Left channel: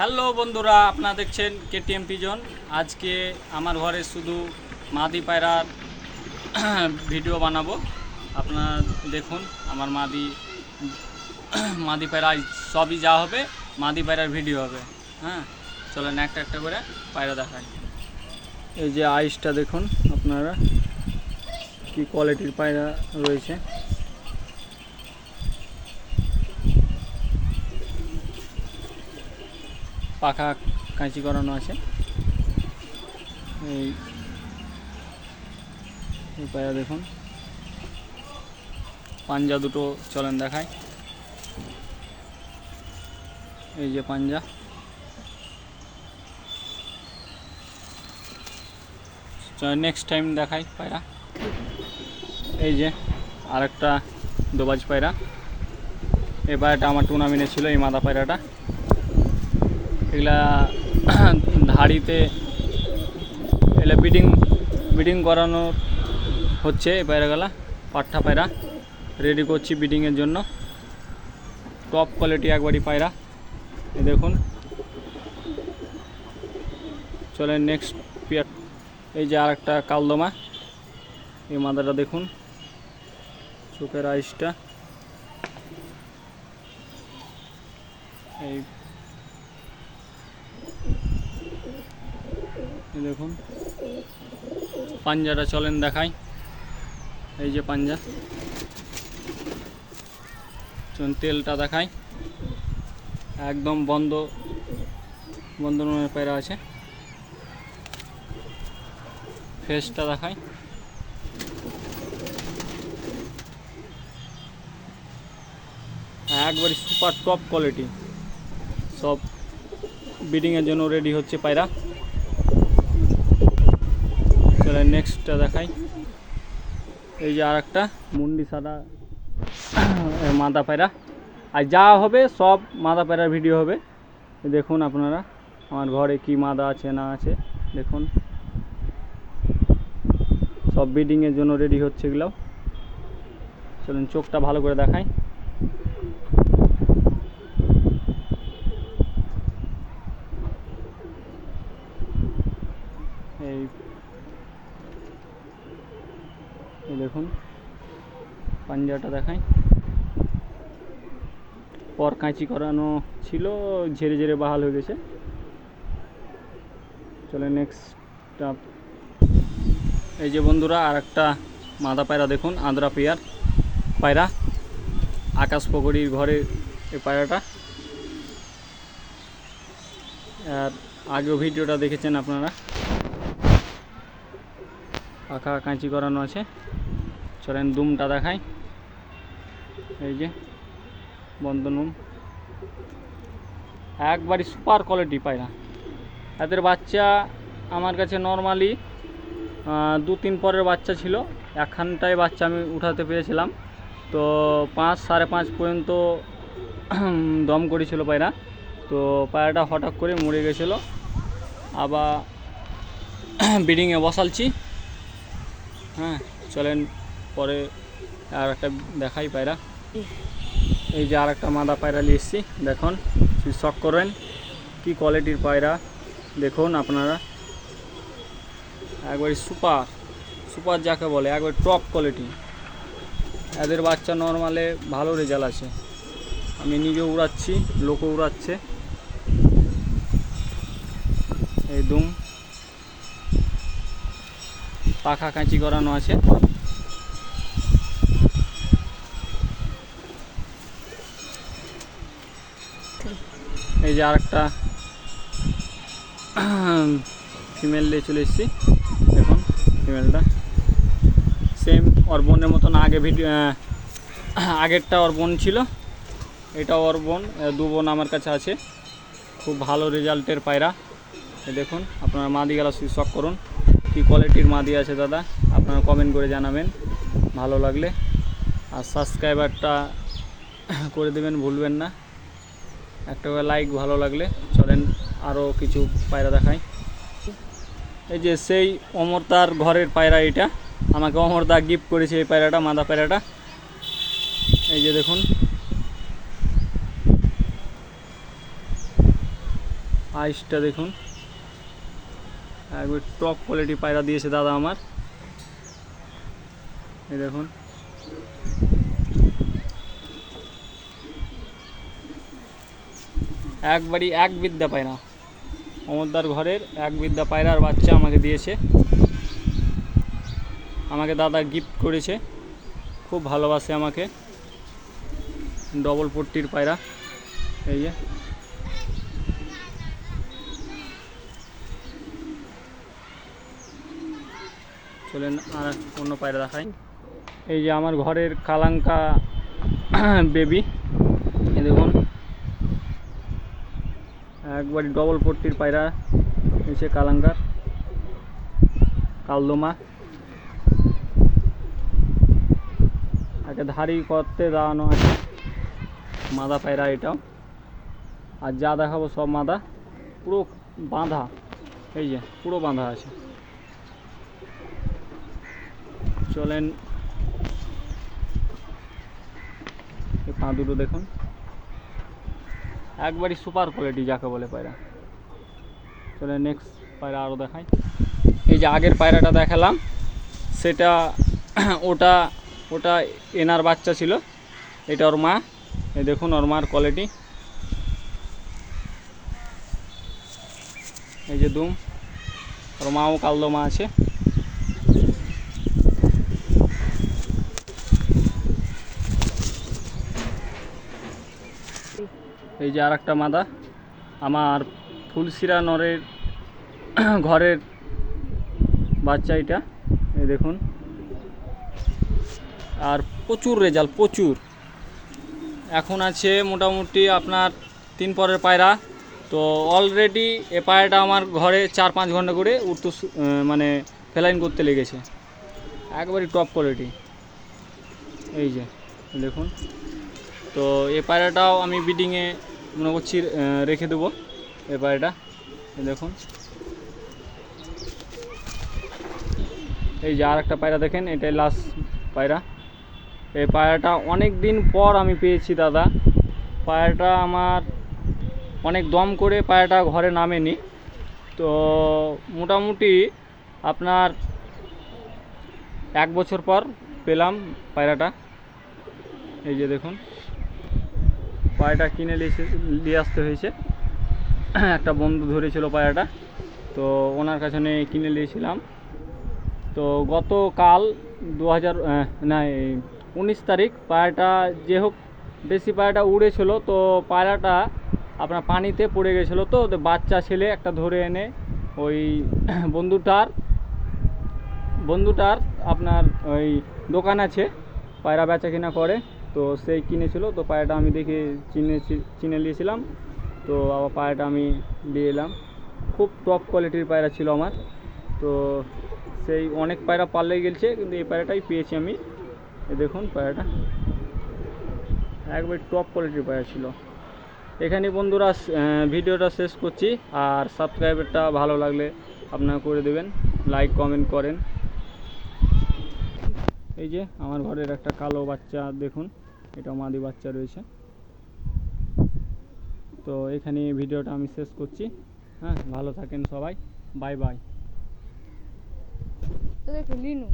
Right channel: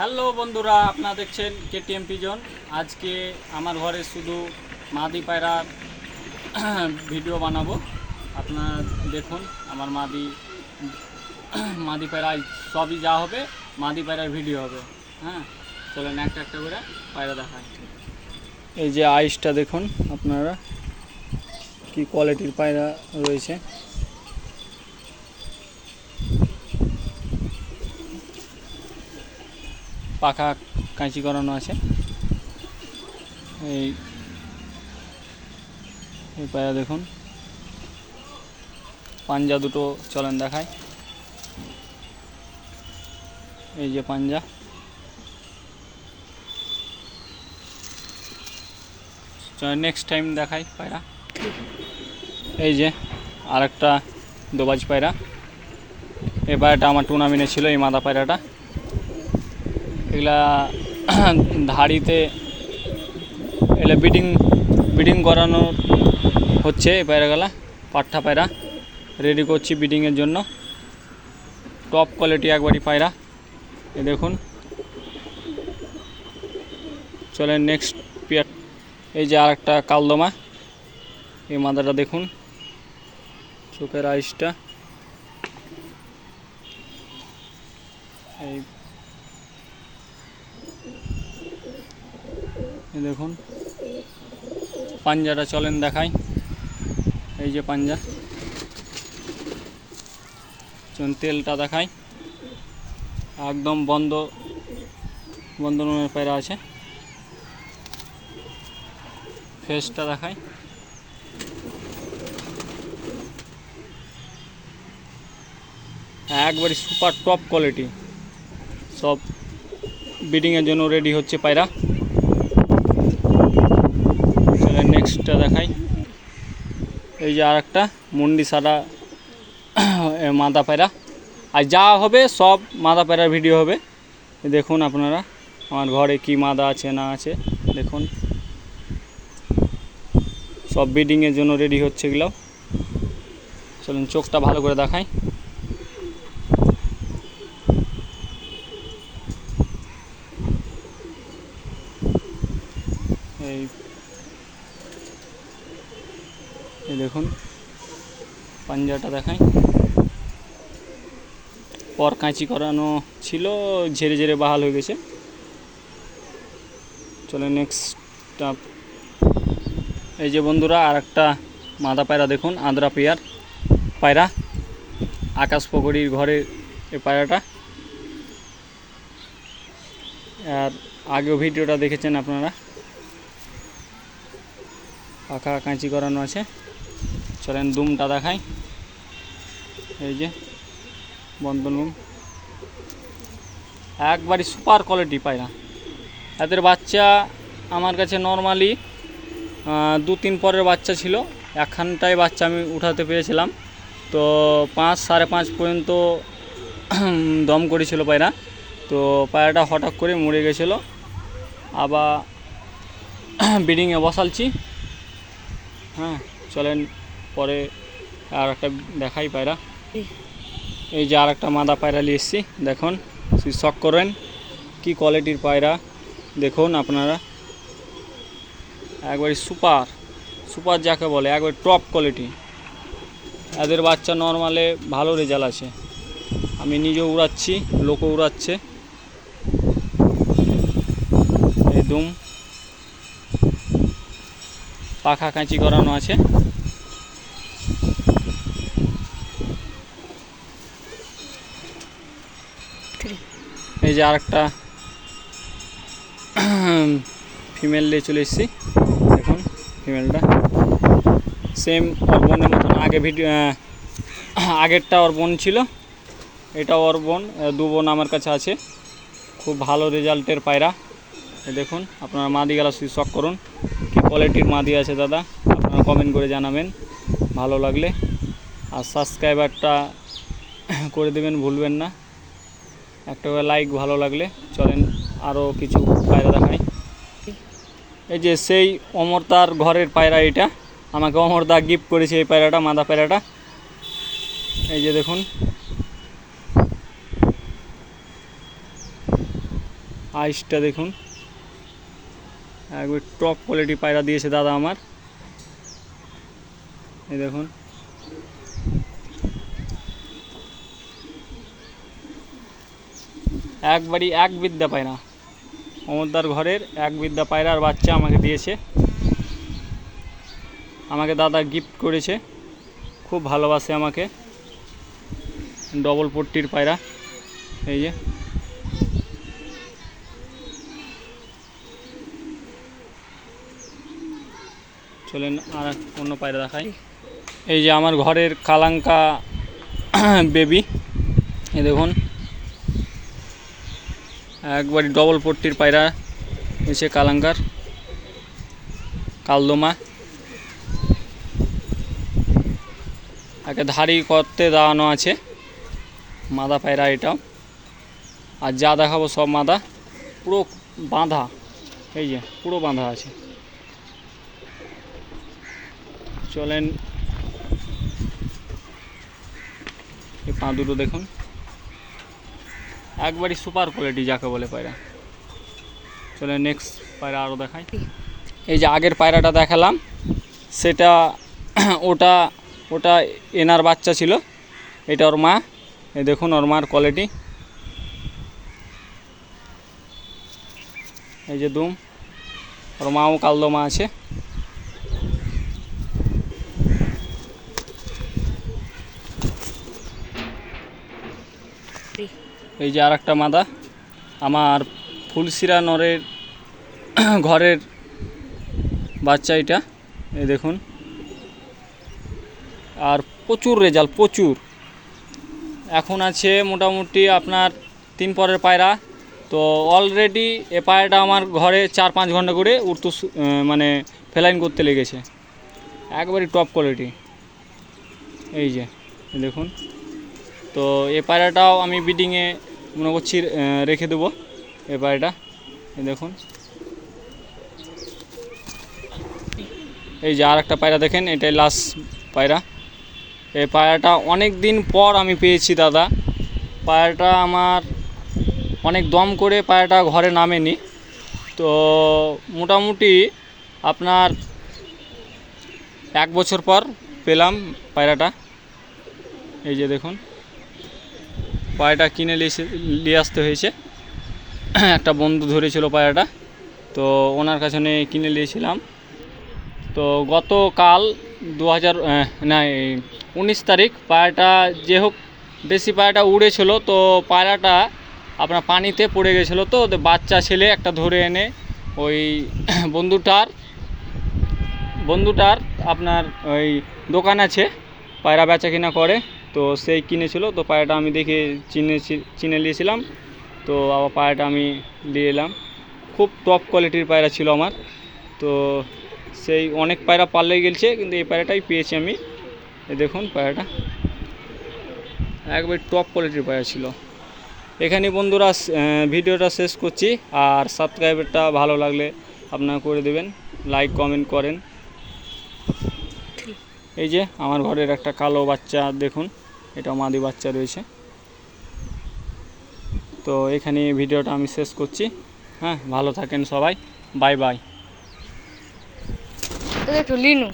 Hello বন্ধুরা, আপনারা দেখছেন কেটিএম পিজন। আজকে আমার ঘরে শুধু মাদি পায়রার ভিডিও বানাবো। আপনারা দেখুন আমার মাদি পায়রা সবই যা হবে মাদি পায়রার ভিডিও হবে। হ্যাঁ, চলেন একটা একটা করে পায়রা দেখাই। এই যে আইসটা দেখুন আপনারা, কি কোয়ালিটির পায়রা রয়েছে। পাখা কাঁচি করানো আছে। এই পায়রা দেখুন, পাঞ্জা দুটো চলেন দেখায়। এই যে পাঞ্জা, নেক্সট টাইম দেখাই পায়রা। এই যে আরেকটা দোবাজ পায়রা। এই পায়রাটা আমার টুর্নামেন্টে ছিল, এই মাদা পায়রাটা। এগুলা ধাড়িতে এগুলা বিডিং করানো হচ্ছে। এই পায়রাগুলা পাঠা পায়রা রেডি করছি বিডিংয়ের জন্য। টপ কোয়ালিটি একবারই পায়রা। এই দেখুন, চলেন নেক্সট পেয়ার। এই যে আরেকটা কালদমা। এই মাদাটা দেখুন, চোখের আইসটা। এই দেখুন পাঞ্জাটা চলেন দেখাই। এই যে পাঞ্জা, তেলটা দেখাই। একদম বন্ধ পায়রা আছে। ফেসটা দেখাই। একবারই সুপার টপ কোয়ালিটি। সব ব্রিডিংয়ের জন্য রেডি হচ্ছে পায়রা। চলে নেক্সটটা দেখাই। এই যে আর একটা মুন্ডি সাদা মাদা পায়রা। আর যা হবে সব মাদা পায়রার ভিডিও হবে। দেখুন আপনারা আমার ঘরে কি মাদা আছে না আছে দেখুন। সব ব্রিডিংয়ের জন্য রেডি হচ্ছে এগুলো। চলুন চোখটা ভালো করে দেখাই। এই দেখুন পাঞ্জাটা দেখাই। পর কাঁচি করানো ছিল, ঝেড়ে ঝেড়ে বাহাল হয়ে গেছে। চলে নেক্সট। এই যে বন্ধুরা আর একটা মাদা পায়রা দেখুন, আদ্রা পেয়ার পায়রা। আকাশ পকড়ির ঘরে এই পায়রাটা। আর আগেও ভিডিওটা দেখেছেন আপনারা। পাখা কাঁচি করানো আছে। চলেন দুমটা দেখাই। এই যে বন্ধনুম, একবারই সুপার কোয়ালিটি পায়রা। এদের বাচ্চা আমার কাছে নর্মালি 2-3 পরের বাচ্চা ছিল। একখানটাই বাচ্চা আমি উঠাতে পেরেছিলাম। তো 5-5.5 পর্যন্ত দম করেছিল পায়রা। তো পায়রাটা হঠাৎ করে মরে গেছিলো। আবার ব্রিডিংয়ে বসালছি। হ্যাঁ, চলেন পরে আর একটা দেখাই পায়রা। এই যে আর একটা মাদা পায়রা নিয়ে এসেছি, দেখুন শখ করেন কি কোয়ালিটির পায়রা। দেখুন আপনারা, একবারে সুপার যাকে বলে, একবার টপ কোয়ালিটি। এদের বাচ্চা নর্মালে ভালো রেজাল্ট আছে। আমি নিজেও উড়াচ্ছি, লোকও উড়াচ্ছে। একদম পাখা কাঁচি করানো আছে। এই যে আরেকটা ফিমেল নিয়ে চলে এসেছি, দেখুন ফিমেলটা সেম ওর বোনের মতন। আগেরটা ওর বোন ছিল, এটা ওর বোন। 2 বোন আমার কাছে আছে। খুব ভালো রেজাল্টের পায়রা। দেখুন আপনারা মাদি গেলা শখ করুন কী কোয়ালিটির মাদি আছে দাদা, আপনারা কমেন্ট করে জানাবেন ভালো লাগলে। আর সাবস্ক্রাইবারটা করে দেবেন ভুলবেন না, একটা করে লাইক ভালো লাগলে। চলেন আরও কিছু পায়রা দেখাই। এই যে সেই অমরদার ঘরের পায়রা। এটা আমাকে অমরদা গিফট করেছে এই পায়রাটা, মাদা পায়রাটা। এই যে দেখুন আইসটা দেখুন, একবার টপ কোয়ালিটি পায়রা দিয়েছে দাদা আমার। এই দেখুন, একবারই এক বিদ্যা পায়রা, অমরদার ঘরের এক বিদ্যা পায়রার বাচ্চা আমাকে দিয়েছে, আমাকে দাদা গিফট করেছে, খুব ভালোবাসে আমাকে। ডবল পট্টির পায়রা, এই যে চলেন আর অন্য পায়রা দেখাই। এই যে আমার ঘরের কালাঙ্কা বেবি, এই দেখুন একবারই ডবল পট্টির পায়রা এসে কালাঙ্কার কালদমা, একে ধাড়ি করতে দাঁড়ানো আছে, মাদা পায়রা এটাও। আর যা দেখাবো সব মাদা, পুরো বাঁধা, এই যে পুরো বাঁধা আছে। চলেন এই পা দুটো দেখুন, একবারই সুপার কোয়ালিটি যাকে বলে পায়রা। চলে নেক্সট পায়রা আরও দেখাই। এই যে আগের পায়রাটা দেখালাম সেটা ওটা ওটা এনার বাচ্চা ছিল, এটা ওর মা। এই দেখুন ওর মার কোয়ালিটি, এই যে দুম, ওর মাও কালদমা আছে। এই যে আর একটা মাদা, আমার ফুলশিরা নরের ঘরের বাচ্চা এটা, এই দেখুন। আর প্রচুর রেজাল্ট, প্রচুর। এখন আছে মোটামুটি আপনার 3 পরের পায়রা। তো অলরেডি এ পায়রাটা আমার ঘরে 4-5 ঘন্টা করে উঠতে মানে ফেলাইন করতে লেগেছে, একবারই টপ কোয়ালিটি। এই যে দেখুন, তো এ পায়রাটাও আমি বিডিংয়ে মনে করছি রেখে দেবো। এ পায়রাটা দেখুন, এই যে আর একটা পায়রা দেখেন, এটাই লাস্ট পায়রা। এই পায়রাটা অনেক দিন পর আমি পেয়েছি দাদা। পায়রাটা আমার অনেক দম করে পায়রাটা ঘরে নামেনি, তো মোটামুটি আপনার 1 বছর পর পেলাম পায়রাটা। এই যে দেখুন, পায়রাটা কিনে নিয়ে আসতে হয়েছে, একটা বন্ধু ধরেছিল পায়রাটা, তো ওনার কাছে নিয়ে কিনে নিয়েছিলাম। তো গতকাল 19 তারিখ পায়রাটা যে হোক দেশি পায়রাটা উড়েছিল, তো পায়রাটা আপনার পানিতে পড়ে গেছিলো, তো বাচ্চা ছেলে একটা ধরে এনে ওই বন্ধুটার আপনার ওই দোকান আছে, পায়রা বেচা কিনা করে, তো সেই কিনেছিল। তো পায়রাটা আমি দেখে চিনে নিয়েছিলাম, তো আবার পায়রাটা আমি নিয়ে এলাম। খুব টপ কোয়ালিটির পায়রা ছিল আমার, তো সেই অনেক পায়রা পাল্লে গেছে, কিন্তু এই পায়রাটাই পেয়েছি আমি। এই দেখুন পায়রাটা একবার টপ কোয়ালিটির পায়রা ছিল। এখানে বন্ধুরা ভিডিওটা শেষ করছি, আর সাবস্ক্রাইবারটা ভালো লাগলে আপনারা করে দেবেন, লাইক কমেন্ট করেন। এই যে আমার ঘরের একটা কালো বাচ্চা দেখুন, এটা মাদি বাচ্চা রয়েছে। তো এখানে ভিডিওটা আমি শেষ করছি। হ্যাঁ, ভালো থাকেন সবাই, বাই বাই। একটু লিনু।